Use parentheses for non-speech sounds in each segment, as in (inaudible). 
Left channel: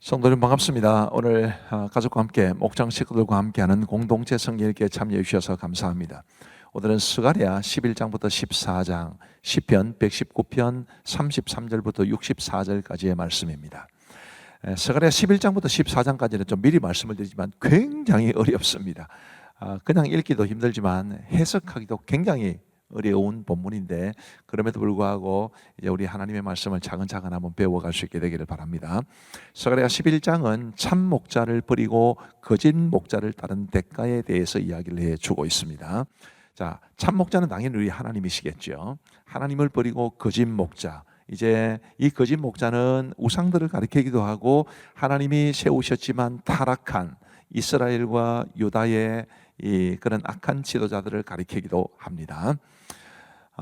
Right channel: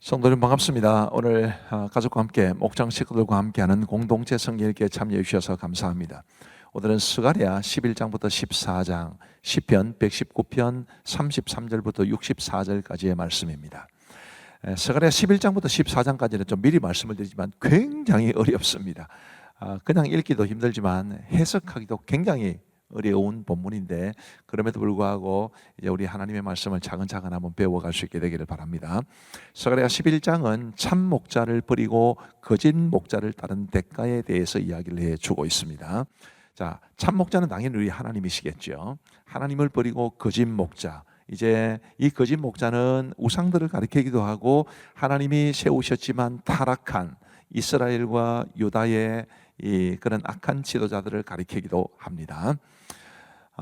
성도님 반갑습니다. 오늘 아, 가족과 함께 목장 식구들과 함께하는 공동체 성경에게 참여해 주셔서 감사합니다. 오늘은 스가랴 11장부터 14장, 시편 119편 33절부터 64절까지의 말씀입니다. 에, 스가랴 11장부터 14장까지는 좀 미리 말씀을 드리지만 굉장히 어렵습니다. 아, 그냥 읽기도 힘들지만 해석하기도 굉장히 어려운 본문인데 그럼에도 불구하고 이제 우리 하나님의 말씀을 차근차근 한번 배워갈 수 있게 되기를 바랍니다. 스가랴 11장은 참 목자를 버리고 거짓 목자를 따른 대가에 대해서 이야기를 해 주고 있습니다. 자, 참 목자는 당연히 우리 하나님이시겠죠. 하나님을 버리고 거짓 목자. 이제 이 거짓 목자는 우상들을 가리키기도 하고 하나님이 세우셨지만 타락한 이스라엘과 유다의 이 그런 악한 지도자들을 가리키기도 합니다.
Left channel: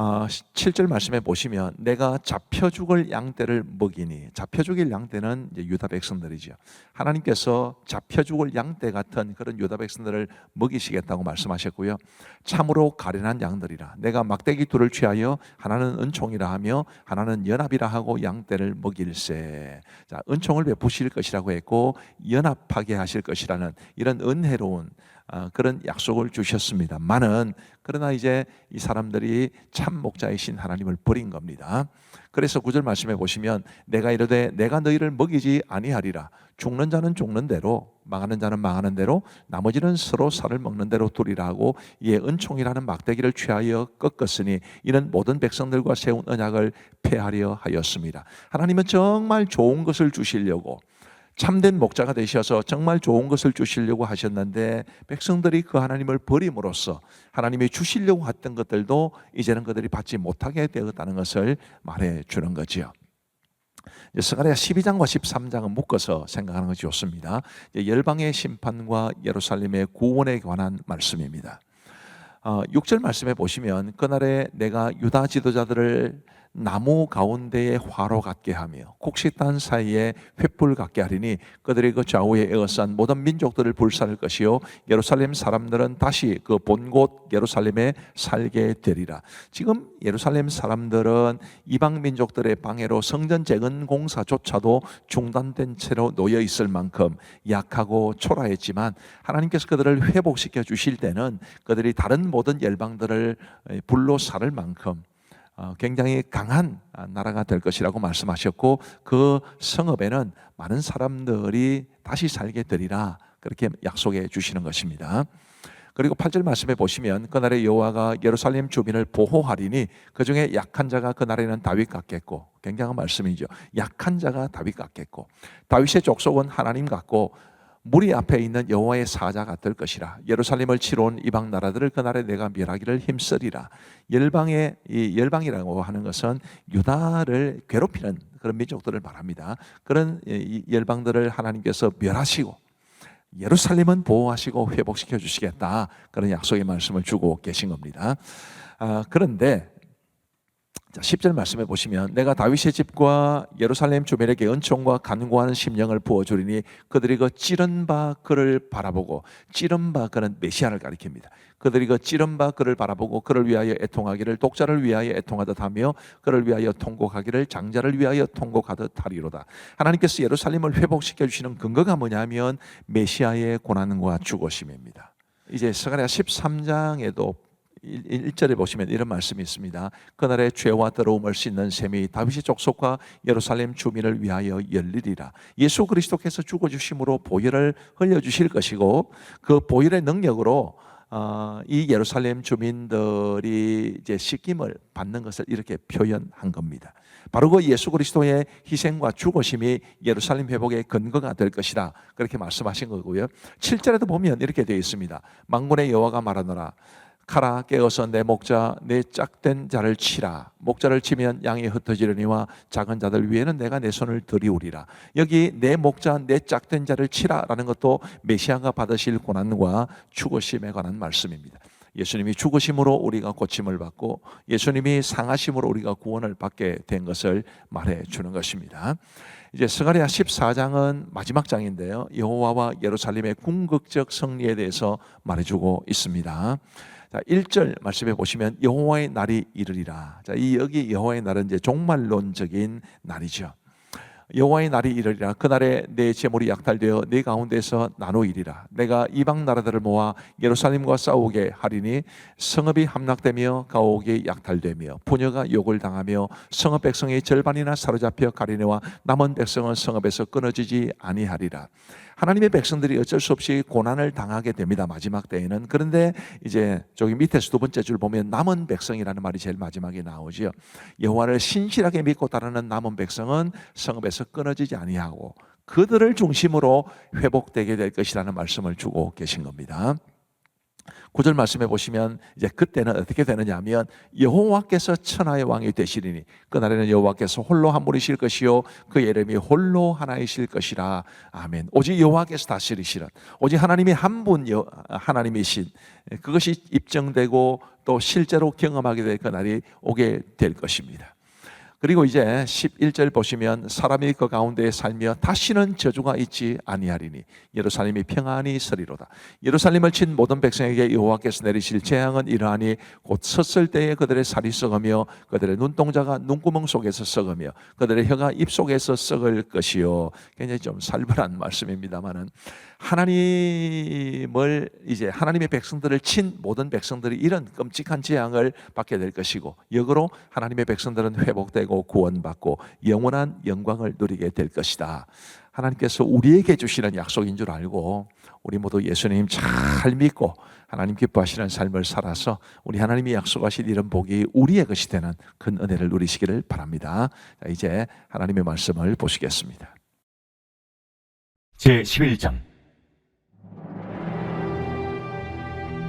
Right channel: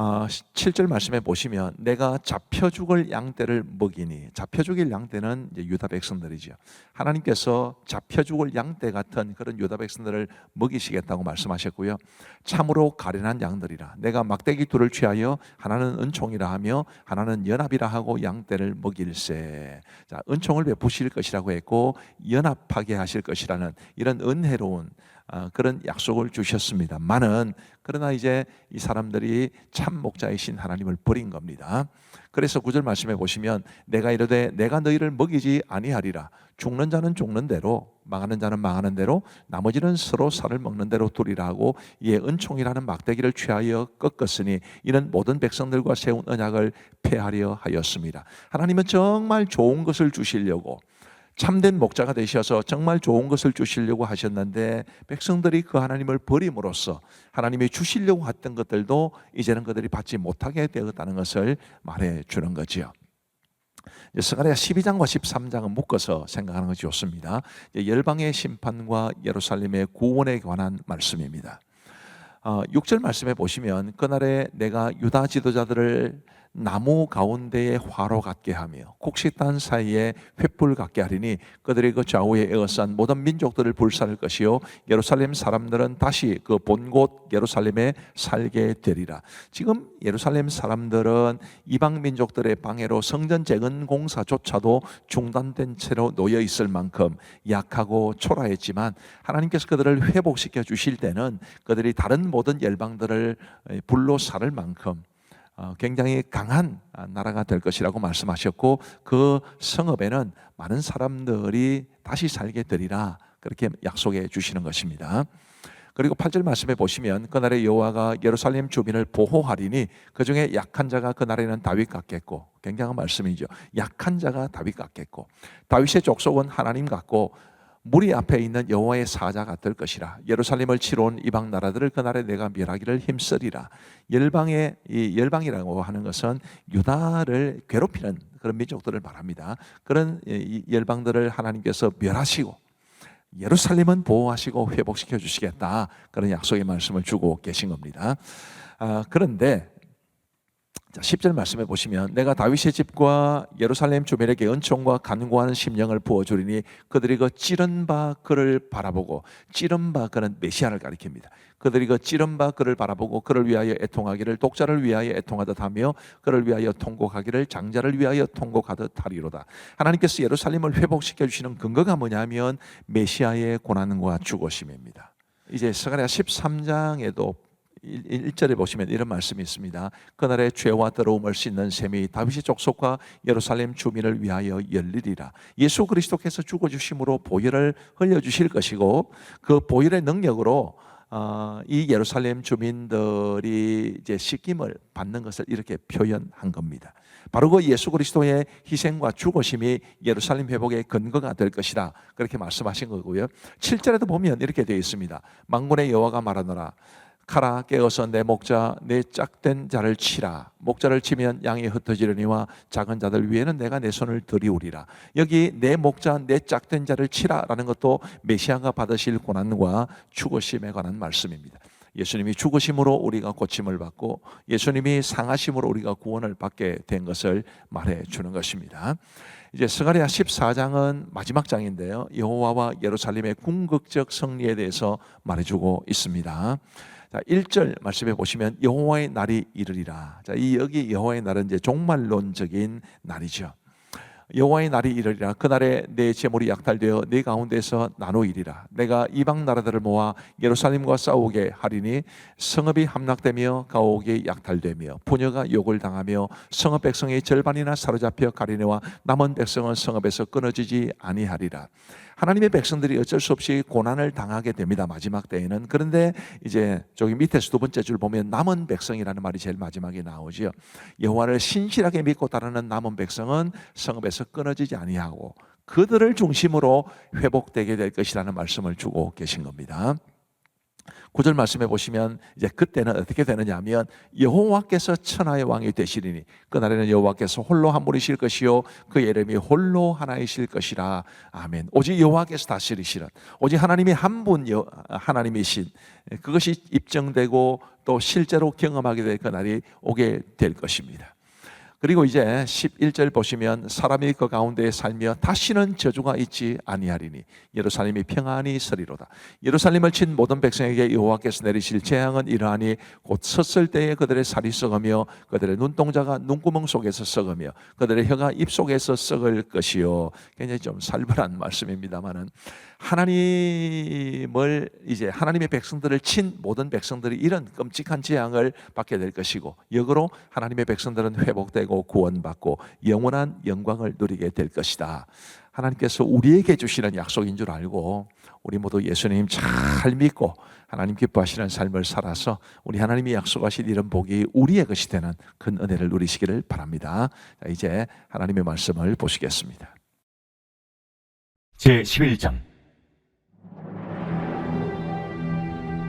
어, 7절 말씀에 보시면 내가 잡혀 죽을 양떼를 먹이니 잡혀 죽일 양떼는 유다 백성들이죠. 하나님께서 잡혀 죽을 양떼 같은 그런 유다 백성들을 먹이시겠다고 말씀하셨고요. 참으로 가련한 양들이라 내가 막대기 둘을 취하여 하나는 은총이라 하며 하나는 연합이라 하고 양떼를 먹일세. 자, 은총을 베푸실 것이라고 했고 연합하게 하실 것이라는 이런 은혜로운 아, 그런 약속을 주셨습니다만은 그러나 이제 이 사람들이 참 목자이신 하나님을 버린 겁니다. 그래서 구절 말씀해 보시면 내가 이르되 내가 너희를 먹이지 아니하리라 죽는 자는 죽는 대로 망하는 자는 망하는 대로 나머지는 서로 살을 먹는 대로 두리라 하고 이에 은총이라는 막대기를 취하여 꺾었으니 이는 모든 백성들과 세운 언약을 폐하려 하였습니다. 하나님은 정말 좋은 것을 주시려고 참된 목자가 되셔서 정말 좋은 것을 주시려고 하셨는데 백성들이 그 하나님을 버림으로써 하나님이 주시려고 했던 것들도 이제는 그들이 받지 못하게 되었다는 것을 말해 주는 거지요. 스가랴 12장과 13장은 묶어서 생각하는 것이 좋습니다. 열방의 심판과 예루살렘의 구원에 관한 말씀입니다. 어, 6절 말씀에 보시면 그날에 내가 유다 지도자들을 나무 가운데에 화로 같게 하며 곡식단 사이에 횃불 같게 하리니 그들이 그 좌우에 에어싼 모든 민족들을 불살을 것이요 예루살렘 사람들은 다시 그 본곳 예루살렘에 살게 되리라. 지금 예루살렘 사람들은 이방 민족들의 방해로 성전 재건 공사조차도 중단된 채로 놓여 있을 만큼 약하고 초라했지만 하나님께서 그들을 회복시켜 주실 때는 그들이 다른 모든 열방들을 불로 살을 만큼 어, 굉장히 강한 나라가 될 것이라고 말씀하셨고 그 성읍에는 많은 사람들이 다시 살게 되리라 그렇게 약속해 주시는 것입니다. 그리고 8절 말씀에 보시면 그날에 여호와가 예루살렘 주민을 보호하리니 그 중에 약한 자가 그날에는 다윗 같겠고 굉장한 말씀이죠. 약한 자가 다윗 같겠고 다윗의 족속은 하나님 같고 무리 앞에 있는 여호와의 사자 같을 것이라. 예루살렘을 치러 온 이방 나라들을 그날에 내가 멸하기를 힘쓰리라. 열방의 이 열방이라고 하는 것은 유다를 괴롭히는 그런 민족들을 말합니다. 그런 열방들을 하나님께서 멸하시고 예루살렘은 보호하시고 회복시켜 주시겠다. 그런 약속의 말씀을 주고 계신 겁니다. 아, 그런데 자, 10절 말씀해 보시면 내가 다윗의 집과 예루살렘 주민에게 은총과 간구하는 심령을 부어 주리니 그들이 그 찌른 바 그를 바라보고 찌른 바 그는 메시아를 가리킵니다. 그들이 그 찌른 바 그를 바라보고 그를 위하여 애통하기를 독자를 위하여 애통하듯 하며 그를 위하여 통곡하기를 장자를 위하여 통곡하듯 하리로다. 하나님께서 예루살렘을 회복시켜 주시는 근거가 뭐냐면 메시아의 고난과 죽으심입니다. 이제 스가랴 13장에도 1절에 보시면 이런 말씀이 있습니다. 그날의 죄와 더러움을 씻는 셈이 다윗의 족속과 예루살렘 주민을 위하여 열리리라. 예수 그리스도께서 죽어 주심으로 보혈을 흘려 주실 것이고 그 보혈의 능력으로 어, 이 예루살렘 주민들이 이제 씻김을 받는 것을 이렇게 표현한 겁니다. 바로 그 예수 그리스도의 희생과 죽으심이 예루살렘 회복의 근거가 될 것이라 그렇게 말씀하신 거고요. 7절에도 보면 이렇게 되어 있습니다. 망군의 여호와가 말하노라 가라 깨어서 내 목자 내 짝된 자를 치라 목자를 치면 양이 흩어지려니와 작은 자들 위에는 내가 내 손을 들이우리라 여기 내 목자 내 짝된 자를 치라라는 것도 메시아가 받으실 고난과 죽으심에 관한 말씀입니다 예수님이 죽으심으로 우리가 고침을 받고 예수님이 상하심으로 우리가 구원을 받게 된 것을 말해 주는 것입니다. 이제 스가랴 14장은 마지막 장인데요. 여호와와 예루살렘의 궁극적 승리에 대해서 말해 주고 있습니다. 자, 1절 말씀해 보시면 여호와의 날이 이르리라. 자, 이 여기 여호와의 날은 이제 종말론적인 날이죠. 여호와의 날이 이르리라 그날에 내 재물이 약탈되어 내 가운데서 나누이리라 내가 이방 나라들을 모아 예루살렘과 싸우게 하리니 성읍이 함락되며 가옥이 약탈되며 부녀가 욕을 당하며 성읍 백성의 절반이나 사로잡혀 가리네와 남은 백성은 성읍에서 끊어지지 아니하리라 하나님의 백성들이 어쩔 수 없이 고난을 당하게 됩니다. 마지막 때에는. 그런데 이제 저기 밑에서 두 번째 줄 보면 남은 백성이라는 말이 제일 마지막에 나오지요. 여호와를 신실하게 믿고 따르는 남은 백성은 성읍에서 끊어지지 아니하고 그들을 중심으로 회복되게 될 것이라는 말씀을 주고 계신 겁니다. 구절 말씀해 보시면 이제 그때는 어떻게 되느냐 하면 여호와께서 천하의 왕이 되시리니 그날에는 여호와께서 홀로 한 분이실 것이요 그 이름이 홀로 하나이실 것이라. 아멘. 오직 여호와께서 다스리시는 오직 하나님이 한 분 하나님이신 그것이 입증되고 또 실제로 경험하게 될 그날이 오게 될 것입니다 그리고 이제 11절 보시면 사람이 그 가운데 살며 다시는 저주가 있지 아니하리니 예루살렘이 평안히 서리로다. 예루살렘을 친 모든 백성에게 여호와께서 내리실 재앙은 이러하니 곧 섰을 때에 그들의 살이 썩으며 그들의 눈동자가 눈구멍 속에서 썩으며 그들의 혀가 입 속에서 썩을 것이요. 굉장히 좀 살벌한 (laughs) 말씀입니다만은 하나님을 이제 하나님의 백성들을 친 모든 백성들이 이런 끔찍한 재앙을 받게 될 것이고 역으로 하나님의 백성들은 회복되고 구원받고 영원한 영광을 누리게 될 것이다. 하나님께서 우리에게 주시는 약속인 줄 알고 우리 모두 예수님 잘 믿고 하나님 기뻐하시는 삶을 살아서 우리 하나님이 약속하신 이런 복이 우리의 것이 되는 큰 은혜를 누리시기를 바랍니다. 자, 이제 하나님의 말씀을 보시겠습니다. 제 11장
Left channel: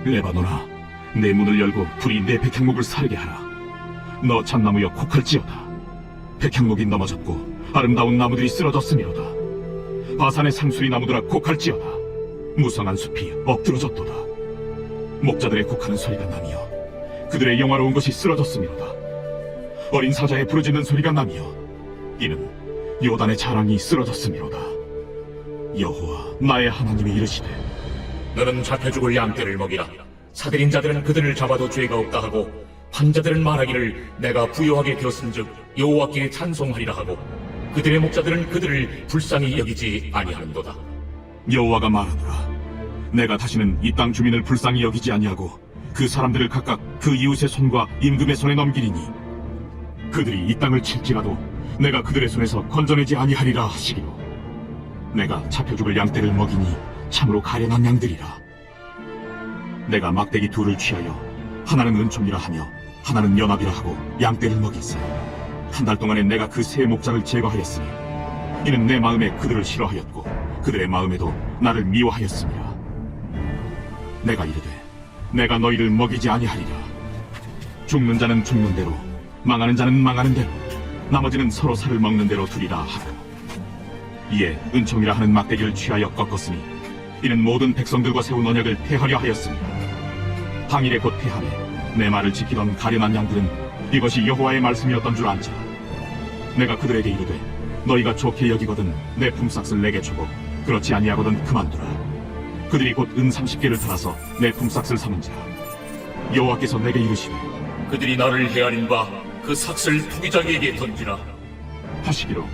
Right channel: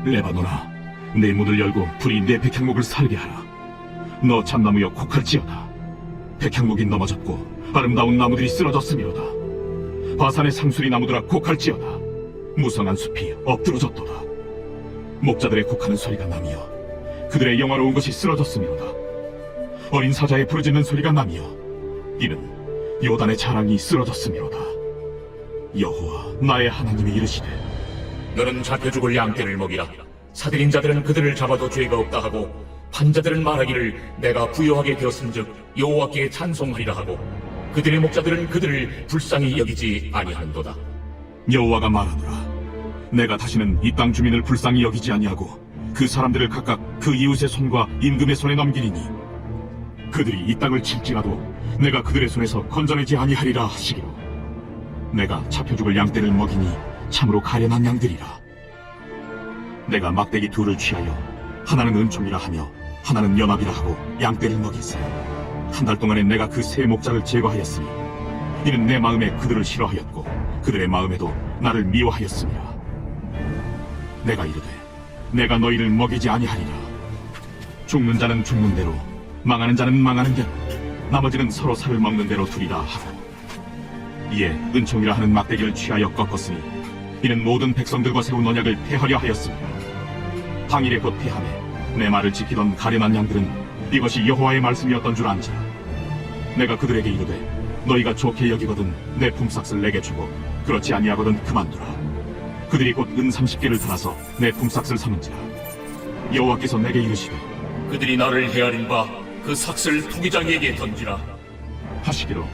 레바노나 내 문을 열고 불이 내 백향목을 살게 하라. 너 참나무여 곡할지어다. 백향목이 넘어졌고 아름다운 나무들이 쓰러졌으미로다. 바산의 상수리 나무들아 곡할지어다. 무성한 숲이 엎드러졌도다. 목자들의 곡하는 소리가 나며 그들의 영화로운 것이 쓰러졌으미로다. 어린 사자의 부르짖는 소리가 나며 이는 요단의 자랑이 쓰러졌으미로다. 여호와 나의 하나님이 이르시되 너는 잡혀 죽을 양떼를 먹이라. 사들인 자들은 그들을 잡아도 죄가 없다 하고 판자들은 말하기를 내가 부유하게 되었은즉 여호와께 찬송하리라 하고 그들의 목자들은 그들을 불쌍히 여기지 아니하는도다. 여호와가 말하노라 내가 다시는 이 땅 주민을 불쌍히 여기지 아니하고 그 사람들을 각각 그 이웃의 손과 임금의 손에 넘기리니 그들이 이 땅을 칠지라도 내가 그들의 손에서 건져내지 아니하리라 하시기로 내가 잡혀 죽을 양떼를 먹이니 참으로 가련한 양들이라 내가 막대기 둘을 취하여 하나는 은총이라 하며 하나는 연합이라 하고 양떼를 먹였으니 한달 동안에 내가 그 세 목자를 제거하였으니 이는 내 마음에 그들을 싫어하였고 그들의 마음에도 나를 미워하였습니다. 내가 이르되 내가 너희를 먹이지 아니하리라. 죽는 자는 죽는 대로 망하는 자는 망하는 대로 나머지는 서로 살을 먹는 대로 두리라 하고 이에 은총이라 하는 막대기를 취하여 꺾었으니 이는 모든 백성들과 세운 언약을 폐하려 하였습니다. 당일에 곧 폐함에 내 말을 지키던 가련한 양들은 이것이 여호와의 말씀이었던 줄 안지라. 내가 그들에게 이르되 너희가 좋게 여기거든 내 품삯을 내게 주고 그렇지 아니하거든 그만두라. 그들이 곧 은 30개를 달아서 내 품삯을 삼은지라. 여호와께서 내게 이르시되 그들이 나를 헤아린 바 그 삭슬 투기장에게 던지라. 하시기로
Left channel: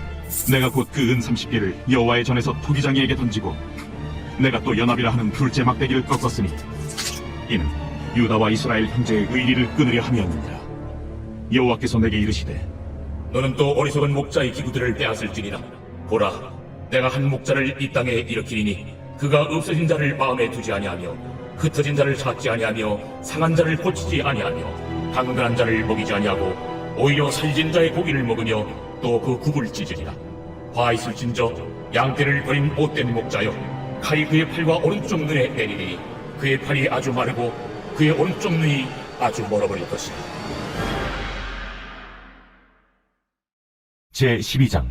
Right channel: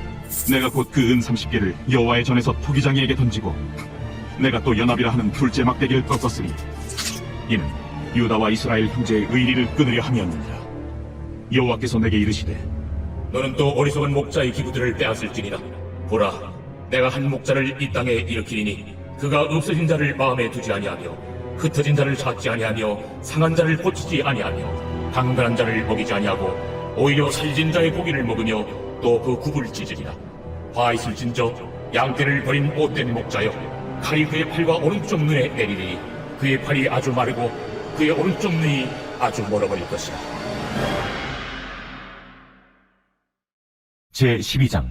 내가 곧 그 은 30개를 여호와의 전에서 토기장이에게 던지고 내가 또 연합이라 하는 둘째 막대기를 꺾었으니 이는 유다와 이스라엘 형제의 의리를 끊으려 함이었느니라. 여호와께서 내게 이르시되 너는 또 어리석은 목자의 기부들을 빼앗을지니라. 보라, 내가 한 목자를 이 땅에 일으키리니 그가 없어진 자를 마음에 두지 아니하며 흩어진 자를 찾지 아니하며 상한 자를 고치지 아니하며 강건한 자를 먹이지 아니하고 오히려 살진 자의 고기를 먹으며 또 그 굽을 찢으리라. 화 있을진저 양떼를 버린 못된 목자여 칼이 그의 팔과 오른쪽 눈에 내리리니 그의 팔이 아주 마르고 그의 오른쪽 눈이 아주 멀어버릴 것이라. 제 12장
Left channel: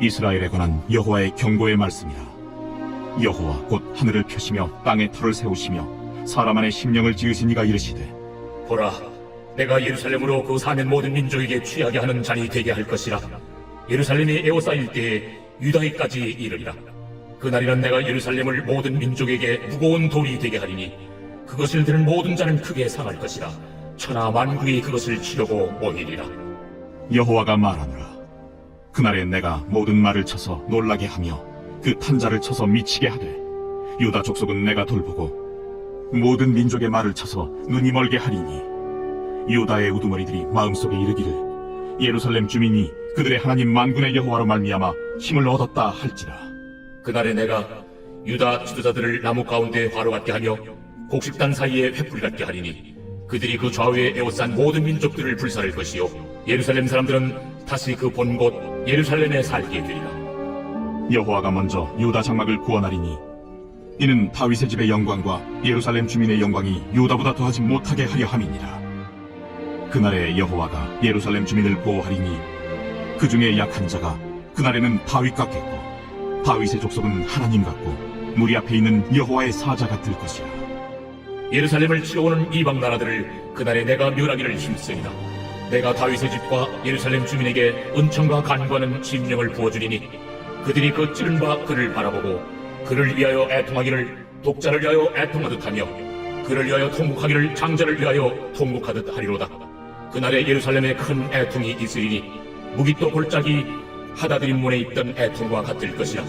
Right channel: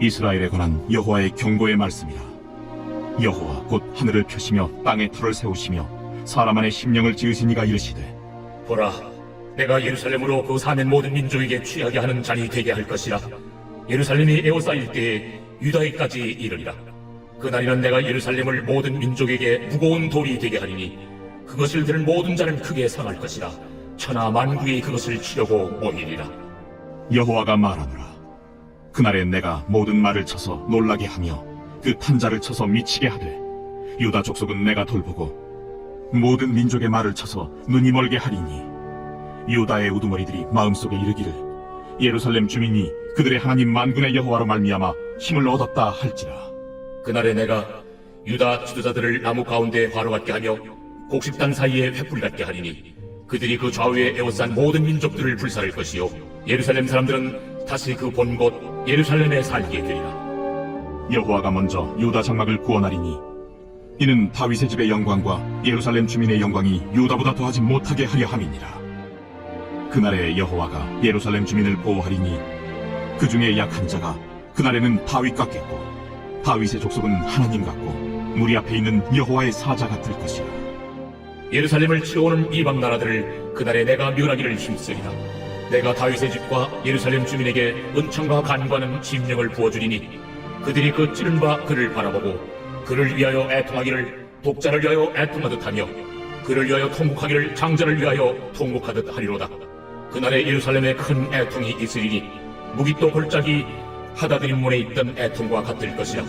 이스라엘에 관한 여호와의 경고의 말씀이라. 여호와 곧 하늘을 펴시며 땅에 털을 세우시며 사람 안에 심령을 지으신 이가 이르시되 보라, 내가 예루살렘으로 그 사는 모든 민족에게 취하게 하는 자리 되게 할 것이라. 예루살렘이 에워싸일 때에 유다에까지 이르리라. 그날이란 내가 예루살렘을 모든 민족에게 무거운 돌이 되게 하리니 그것을 들은 모든 자는 크게 상할 것이라. 천하 만국이 그것을 치려고 모이리라. 여호와가 말하노라 그날에 내가 모든 말을 쳐서 놀라게 하며 그 탄자를 쳐서 미치게 하되 유다 족속은 내가 돌보고 모든 민족의 말을 쳐서 눈이 멀게 하리니 유다의 우두머리들이 마음속에 이르기를 예루살렘 주민이 그들의 하나님 만군의 여호와로 말미암아 힘을 얻었다 할지라. 그날에 내가 유다 지도자들을 나무 가운데 화로 같게 하며 곡식단 사이에 횃불 같게 하리니 그들이 그 좌우에 에워싼 모든 민족들을 불살을 것이요 예루살렘 사람들은 다시 그 본 곳 예루살렘에 살게 되리라. 여호와가 먼저 유다 장막을 구원하리니 이는 다윗의 집의 영광과 예루살렘 주민의 영광이 유다보다 더하지 못하게 하려 함이니라 그날에 여호와가 예루살렘 주민을 보호하리니 그 중에 약한 자가 그날에는 다윗 같겠고 다윗의 족속은 하나님 같고 무리 앞에 있는 여호와의 사자 같을 것이라 예루살렘을 치러오는 이방 나라들을 그날에 내가 멸하기를 힘쓰리라. 내가 다윗의 집과 예루살렘 주민에게 은총과 간과는 심령을 부어주리니 그들이 그 찌른 바 그를 바라보고 그를 위하여 애통하기를 독자를 위하여 애통하듯 하며 그를 위하여 통곡하기를 장자를 위하여 통곡하듯 하리로다. 그날에 예루살렘에 큰 애통이 있으리니 무기또 골짜기 하다드림 문에 있던 애통과 같을 것이라.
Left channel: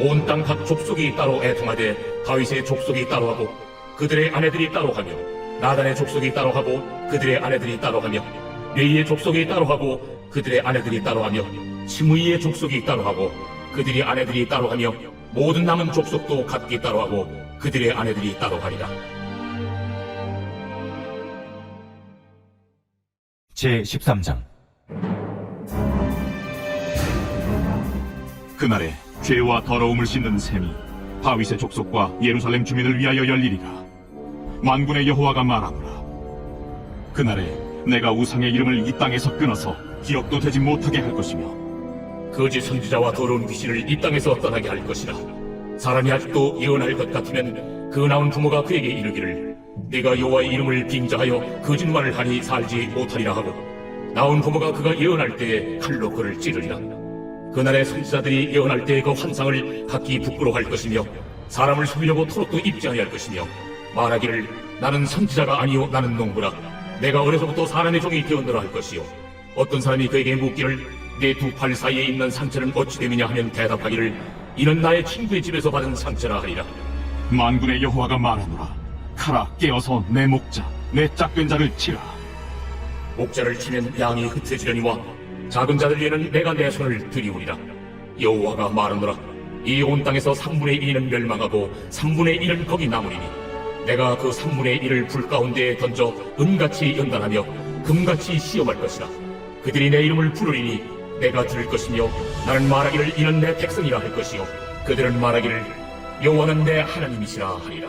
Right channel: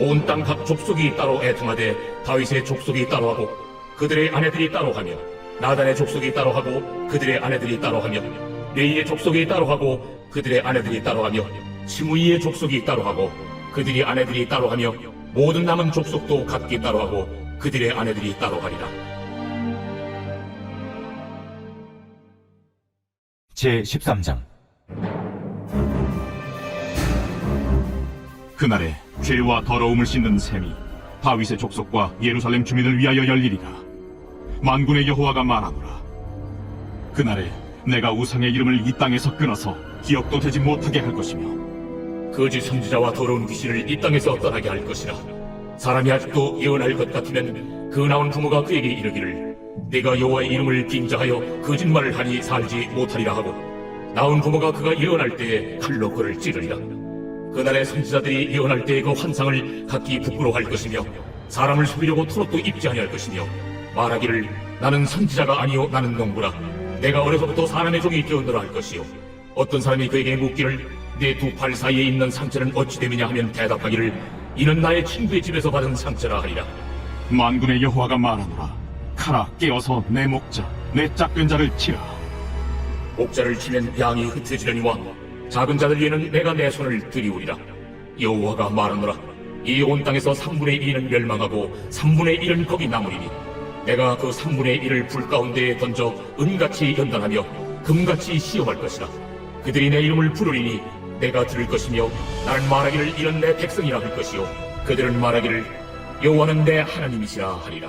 온 땅 각 족속이 따로 애통하되 다윗의 족속이 따로 하고 그들의 아내들이 따로 하며 나단의 족속이 따로 하고 그들의 아내들이 따로 하며 메이의 족속이 따로 하고 그들의 아내들이 따로 하며 시므이의 족속이 따로 하고 그들이 아내들이 따로 하며 모든 남은 족속도 각기 따로 하고 그들의 아내들이 따로 하리라 제 13장 그날에 죄와 더러움을 씻는 셈이 다윗의 족속과 예루살렘 주민을 위하여 열리리라. 만군의 여호와가 말하노라. 그날에 내가 우상의 이름을 이 땅에서 끊어서 기억도 되지 못하게 할 것이며 거짓 선지자와 더러운 귀신을 이 땅에서 떠나게 할 것이라 사람이 아직도 예언할 것 같으면 그 나온 부모가 그에게 이르기를 네가 여호와의 이름을 빙자하여 거짓말을 하니 살지 못하리라 하고 나온 부모가 그가 예언할 때에 칼로 그를 찌르리라. 그날의 선지자들이 예언할 때의 그 환상을 각기 부끄러워할 것이며 사람을 속이려고 토록도 입지 아니할 것이며 말하기를 나는 선지자가 아니요 나는 농부라. 내가 어려서부터 사람의 종이 되었노라 할 것이요. 어떤 사람이 그에게 묻기를 내 두 팔 사이에 있는 상처는 어찌 됨이냐 하면 대답하기를 이는 나의 친구의 집에서 받은 상처라 하리라. 만군의 여호와가 말하노라. 카라 깨어서 내 목자, 내 짝된 자를 치라. 목자를 치면 양이 흩어지려니와 작은 자들 위에는 내가 내 손을 들이오리라. 여호와가 말하노라. 이 온 땅에서 3분의 2는 멸망하고 3분의 1은 거기 남으리니 내가 그 3분의 1을 불 가운데에 던져 은같이 연단하며 금같이 시험할 것이라. 그들이 내 이름을 부르리니 내가 들을 것이며 나는 말하기를 이는 내 백성이라 할 것이요. 그들은 말하기를 여호와는 내 하나님이시라 하리라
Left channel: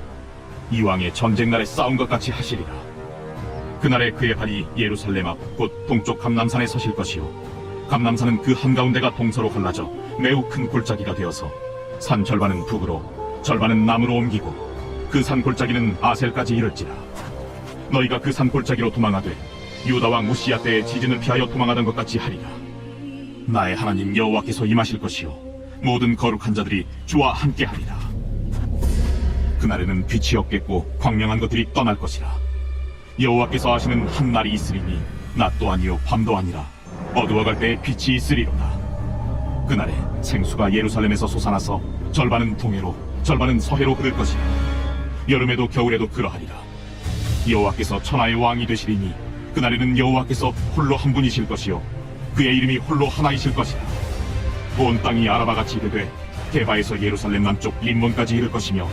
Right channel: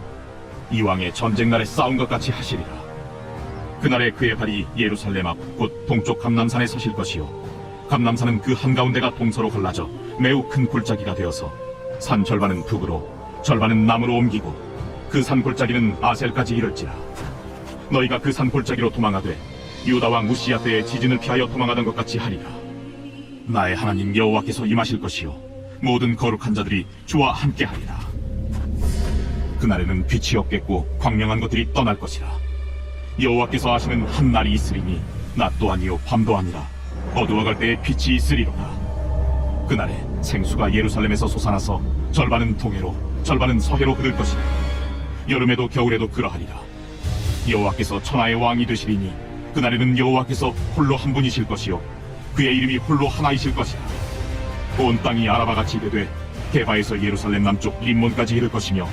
이왕의 전쟁 날에 싸운 것 같이 하시리라. 그날에 그의 발이 예루살렘 앞 곧 동쪽 감남산에 서실 것이요. 감남산은 그 한가운데가 동서로 갈라져 매우 큰 골짜기가 되어서 산 절반은 북으로 절반은 남으로 옮기고 그 산 골짜기는 아셀까지 이를지라. 너희가 그 산 골짜기로 도망하되 유다 왕 무시야 때의 지진을 피하여 도망하던 것 같이 하리라. 나의 하나님 여호와께서 임하실 것이요. 모든 거룩한 자들이 주와 함께 하리라 그날에는 빛이 없겠고 광명한 것들이 떠날 것이라 여호와께서 하시는 한 날이 있으리니 낮 도 아니요 밤도 아니라 어두워갈 때에 빛이 있으리로다. 그날에 생수가 예루살렘에서 솟아나서 절반은 동해로 절반은 서해로 흐를 것이라. 여름에도 겨울에도 그러하리라. 여호와께서 천하의 왕이 되시리니 그날에는 여호와께서 홀로 한 분이실 것이요 그의 이름이 홀로 하나이실 것이라. 온 땅이 아라바 같이 되되 게바에서 예루살렘 남쪽 림몬까지 이를 것이며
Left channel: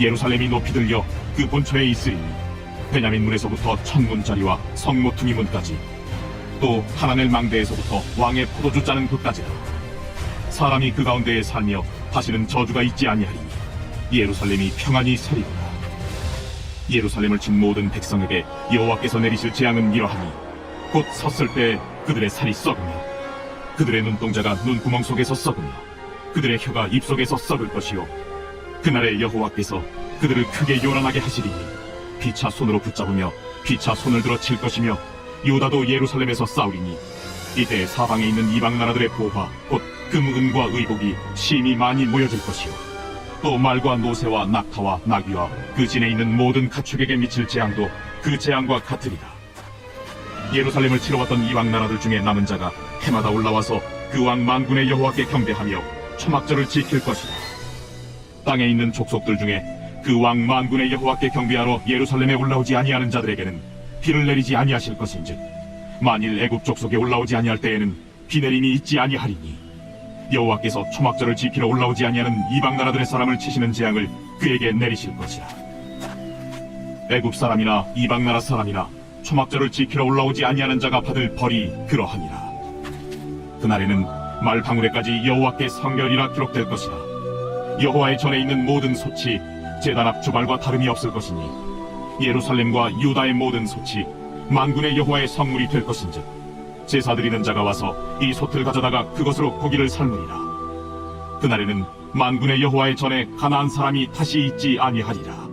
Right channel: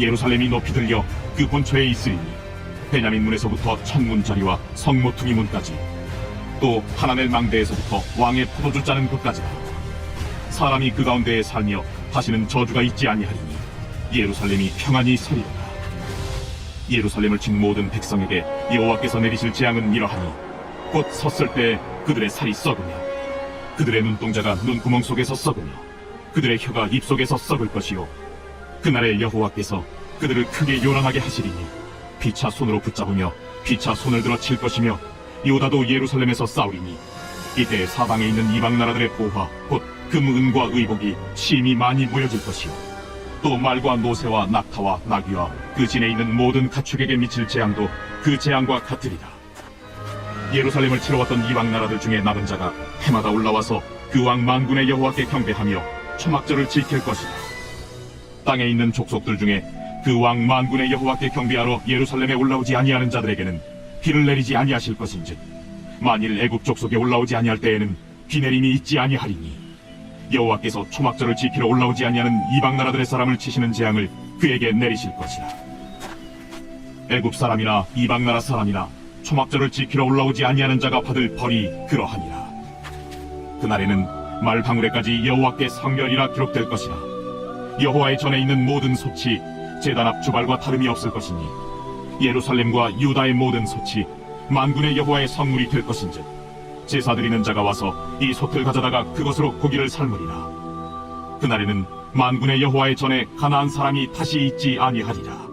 예루살렘이 높이 들려 그 본처에 있으리니 베냐민 문에서부터 천문 자리와 성모퉁이 문까지 또 하나넬 망대에서부터 왕의 포도주 짜는 곳까지라 사람이 그 가운데에 살며 다시는 저주가 있지 아니하리니 예루살렘이 평안히 서리로다 예루살렘을 친 모든 백성에게 여호와께서 내리실 재앙은 이러하니 곧 섰을 때 그들의 살이 썩으며 그들의 눈동자가 눈구멍 속에서 썩으며 그들의 혀가 입 속에서 썩을 것이요 그날에 여호와께서 그들을 크게 요란하게 하시리니 피차 손으로 붙잡으며 피차 손을 들어 칠 것이며 유다도 예루살렘에서 싸우리니 이때 사방에 있는 이방 나라들의 보화 곧 금은과 의복이 심히 많이 모여질 것이요. 또 말과 노새와 낙타와 나귀와 그 진에 있는 모든 가축에게 미칠 재앙도 그 재앙과 같으리라. 예루살렘을 치러 왔던 이방 나라들 중에 남은 자가 해마다 올라와서 그 왕 만군의 여호와께 경배하며 초막절을 지킬 것이다 땅에 있는 족속들 중에 그 왕 만군의 여호와께 경배하러 예루살렘에 올라오지 아니하는 자들에게는 비를 내리지 아니하실 것인즉 만일 애굽 족속에 올라오지 아니할 때에는 비 내림이 있지 아니하리니 여호와께서 초막절을 지키러 올라오지 아니하는 이방 나라들의 사람을 치시는 재앙을 그에게 내리실 것이라. 애굽 사람이나 이방 나라 사람이나 초막절을 지키러 올라오지 아니하는 자가 받을 벌이 그러하니라. 그날에는 말방울에까지 여호와께 성결이라 기록될 것이라 여호와의 전에 있는 모든 솥이 제단 앞 주발과 다름이 없을 것이니 예루살렘과 유다의 모든 솥이 만군의 여호와의 성물이 될 것인즉 제사 드리는 자가 와서 이 솥을 가져다가 그것으로 고기를 삶으리라. 그날에는 만군의 여호와의 전에 가나안 사람이 다시 있지 아니하리라.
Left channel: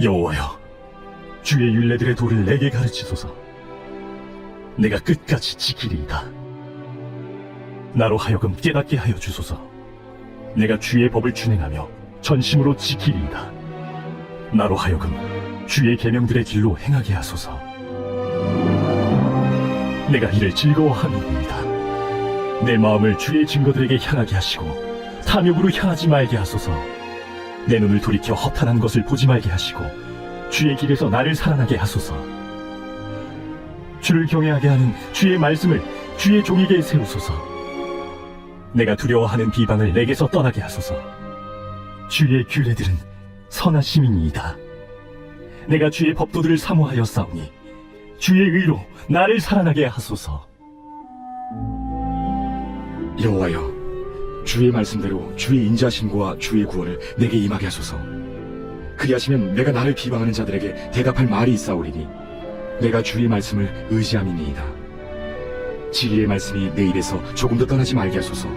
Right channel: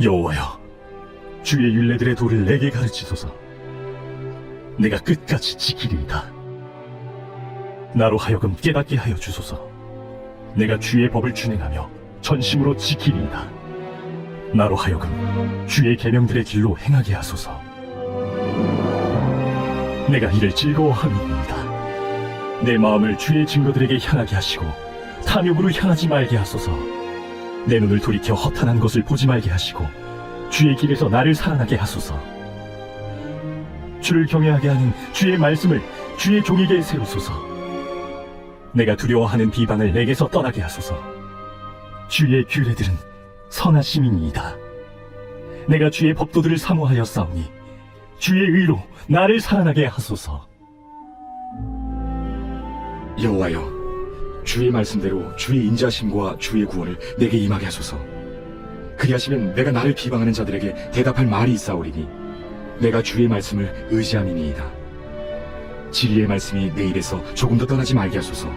여호와여, 주의 율례들의 도를 내게 가르치소서. 내가 끝까지 지키리이다. 나로 하여금 깨닫게 하여 주소서. 내가 주의 법을 준행하며 전심으로 지키리이다. 나로 하여금 주의 계명들의 길로 행하게 하소서. 내가 이를 즐거워함이니이다. 내 마음을 주의 증거들에게 향하게 하시고 탐욕으로 향하지 말게 하소서. 내 눈을 돌이켜 허탄한 것을 보지 말게 하시고 주의 길에서 나를 살아나게 하소서. 주를 경외하게 하는 주의 말씀을 주의 종에게 세우소서. 내가 두려워하는 비방을 내게서 떠나게 하소서. 주의 규례들은 선하심이니이다. 내가 주의 법도들을 사모하여 싸우니 주의 의로 나를 살아나게 하소서. 여호와여, 주의 말씀대로 주의 인자심과 주의 구원을 내게 임하게 하소서. 그리하시면 내가 나를 비방하는 자들에게 대답할 말이 있사오리니 내가 주의 말씀을 의지함이니이다. 진리의 말씀이 내 입에서 조금도 떠나지 말게 하소서.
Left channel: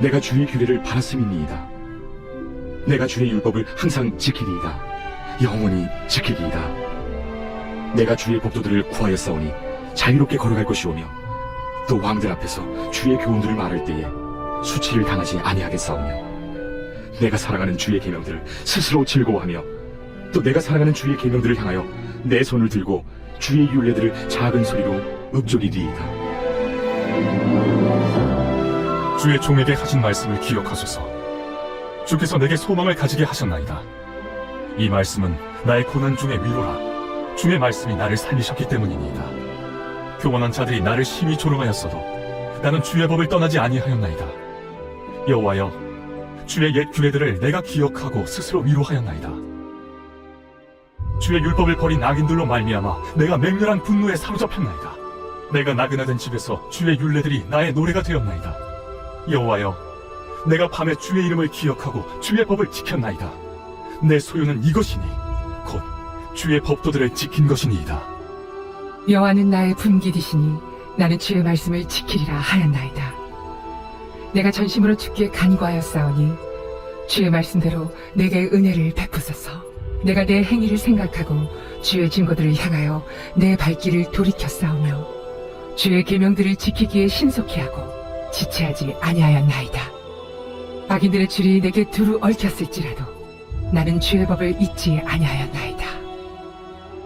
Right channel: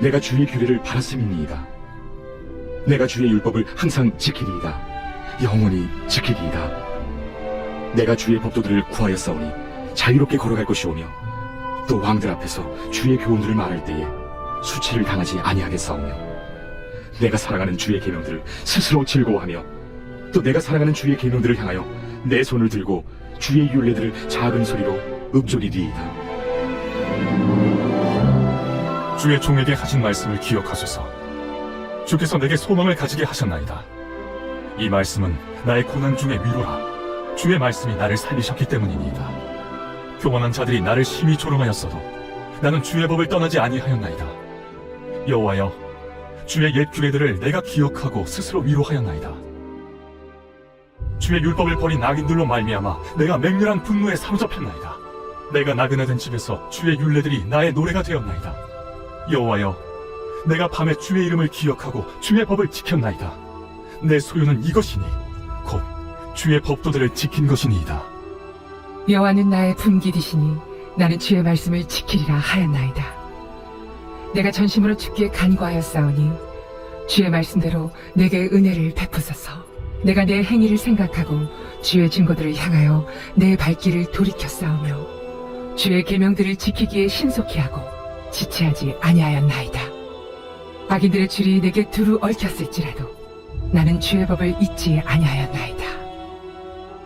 내가 주의 규례를 바랐음이니이다. 내가 주의 율법을 항상 지키리이다. 영원히 지키리이다. 내가 주의 법도들을 구하여 싸우니 자유롭게 걸어갈 것이오며 또 왕들 앞에서 주의 교훈들을 말할 때에 수치를 당하지 아니하겠사오며 내가 사랑하는 주의 계명들을 스스로 즐거워하며 또 내가 사랑하는 주의 계명들을 향하여 내 손을 들고 주의 율례들을 작은 소리로 읊조리리이다 주의 종에게 하신 말씀을 기억하소서. 주께서 내게 소망을 가지게 하셨나이다. 이 말씀은 나의 고난 중의 위로라. 주의 말씀이 나를 살리셨기 때문이니이다. 교만한 자들이 나를 심히 조롱하였어도 나는 주의 법을 떠나지 아니하였나이다. 여호와여, 주의 옛 규례들을 내가 기억하고 스스로 위로하였나이다. 주의 율법을 버린 악인들로 말미암아 내가 맹렬한 분노에 사로잡혔나이다. 내가 나그네 된 집에서 주의 율례들이 나의 노래가 되었나이다. 여호와여, 내가 밤에 주의 이름을 기억하고 주의 법을 지켰나이다. 내 소유는 이것이니 곧 주의 법도들을 지킨 것이니이다. 여호와는 나의 분기디시니 나는 주의 말씀을 지키리라 하였나이다. 내가 전심으로 주께 간구하였사오니 주의 말씀대로 내게 은혜를 베푸소서. 내가 내 행위를 생각하고 주의 증거들을 향하여 내 발길을 돌이켰사오며 주의 계명들을 지키기에 신속히 하고 지체하지 아니하였나이다. 악인들의 줄이 내게 두루 얽혔을지라도 나는 주의 법을 잊지 아니하였나이다.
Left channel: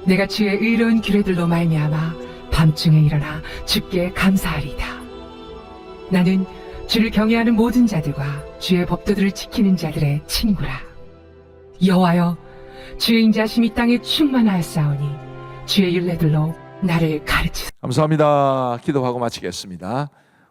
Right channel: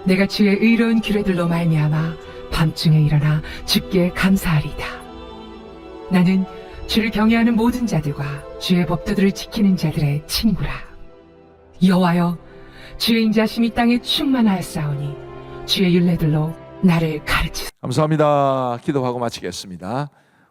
내가 주의 의로운 규례들로 말미암아 밤중에 일어나 주께 감사하리다. 나는 주를 경외하는 모든 자들과 주의 법도들을 지키는 자들의 친구라. 여호와여, 주의 인자심이 땅에 충만하였사오니 주의 율례들로 나를 가르치소서. 감사합니다. 기도하고 마치겠습니다.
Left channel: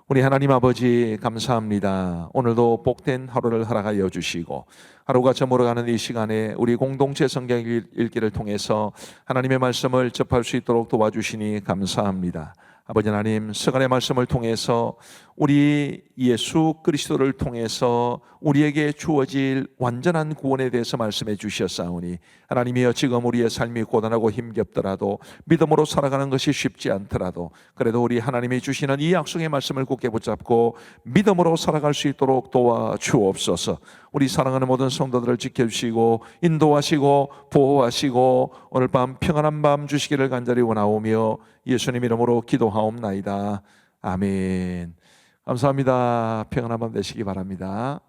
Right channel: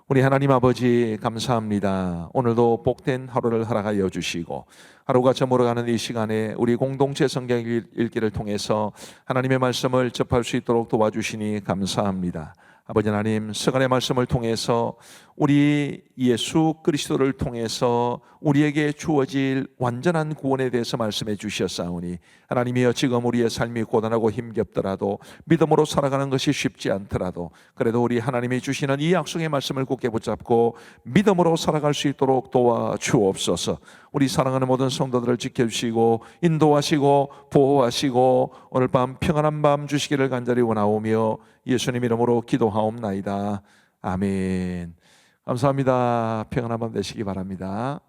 우리 하나님 아버지 감사합니다. 오늘도 복된 하루를 허락하여 주시고 하루가 저물어가는 이 시간에 우리 공동체 성경 읽기를 통해서 하나님의 말씀을 접할 수 있도록 도와주시니 감사합니다. 아버지 하나님, 서간의 말씀을 통해서 우리 예수 그리스도를 통해서 우리에게 주어질 완전한 구원에 대해서 말씀해 주셨사오니 하나님이여 지금 우리의 삶이 고단하고 힘겹더라도 믿음으로 살아가는 것이 쉽지 않더라도 그래도 우리 하나님이 주시는 이 약속의 말씀을 굳게 붙잡고 믿음으로 살아갈 수 있도록 도와 주옵소서. 우리 사랑하는 모든 성도들을 지켜주시고 인도하시고 보호하시고 오늘 밤 평안한 밤 주시기를 간절히 원하오며 예수님 이름으로 기도하옵나이다. 아멘. 감사합니다. 평안한 밤 되시기 바랍니다.